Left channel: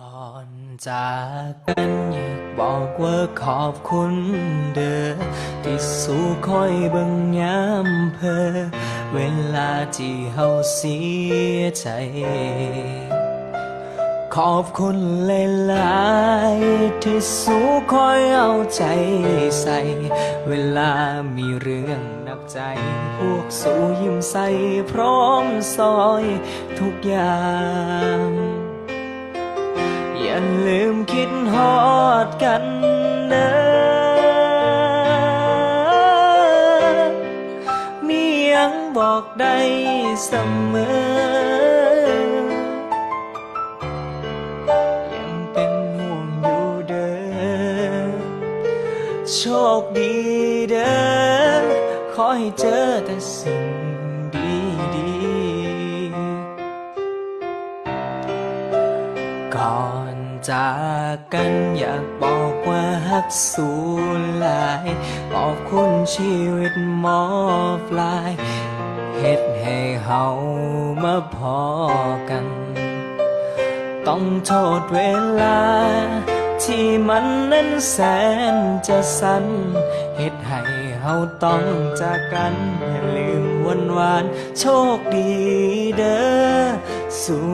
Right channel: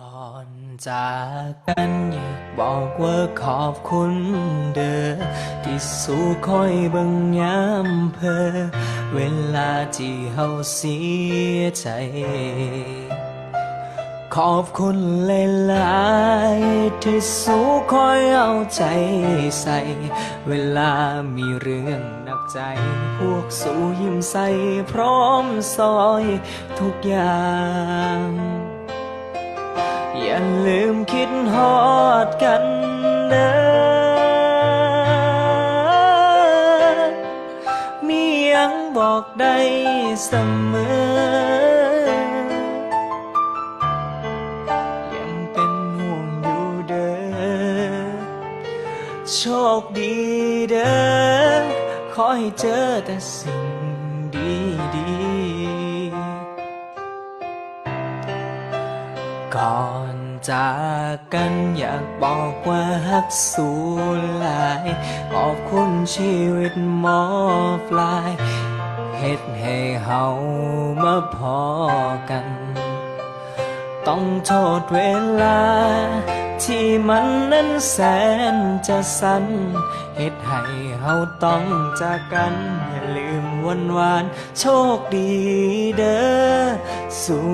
ก่อนจากกันอยากบอกว่าขอบคุณเด้อที่สู้คอยเบิ่งยามเพอเวลาที่เฮาเสียใจขอบคุณหลายๆที่สู้คอยเอาใจใส่เวลามีเรื่องหนักใจพวกสู้ยิ้มใส่พร้อมซอยทุกอย่างอย่าลืมคิดฮอดกันเด้อมียังบอกได้เสมอยังเป็นห่วงอยู่เด้อโชคดีเด้อขอให้เจอแต่สิ่งดีๆก่อนจากกันอยากบอกว่าฮักสูหลายขอบคุณชีวิตหมอปลายเฮ็ดให้เฮามาพอกันต้องโทษเวลาที่มันนั้นแสนจะสั้นเฮ็ดให้เฮาต้องจากกันอย่าลืมวันวานโชคดีเด้อสู้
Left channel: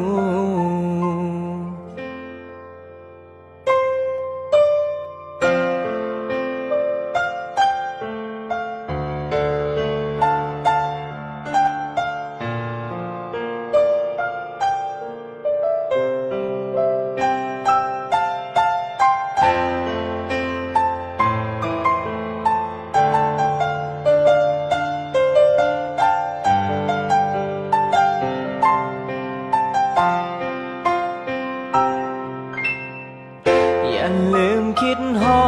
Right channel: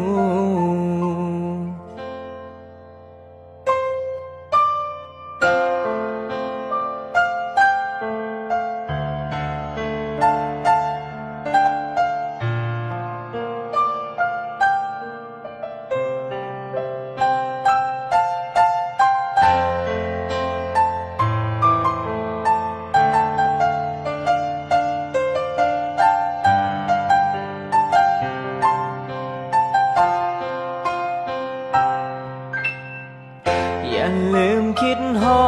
อย่าลืมคิดฮอ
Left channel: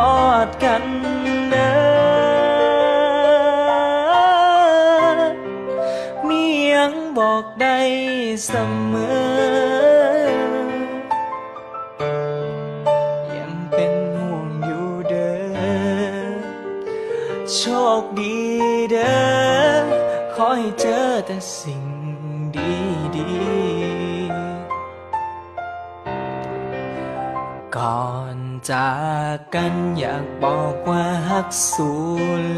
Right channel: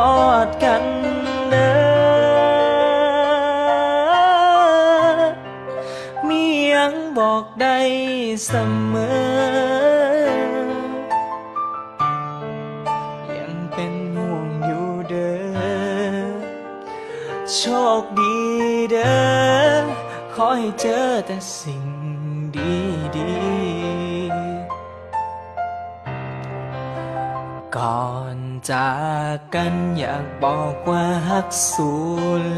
ดกันเด้อมียังบอกได้เสมอยังเป็นห่วงอยู่เด้อโชคดีเด้อขอให้เจอแต่สิ่งดีๆก่อนจากกันอยากบอกว่าฮักสู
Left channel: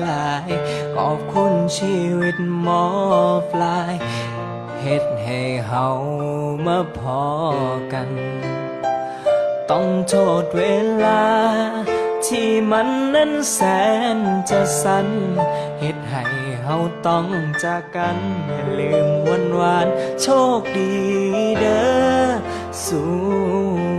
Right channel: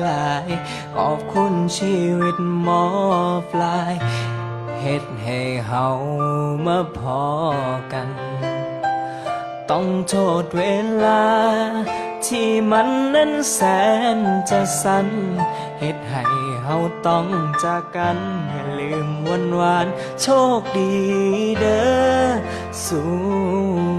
หลายขอบคุณชีวิตหมอปลายเฮ็ดให้เฮามาพอกันต้องโทษเวลาที่มันนั้นแสนจะสั้นเฮ็ดให้เฮาต้องจากกันอย่าลืมวันวานโชคดีเด้อสู้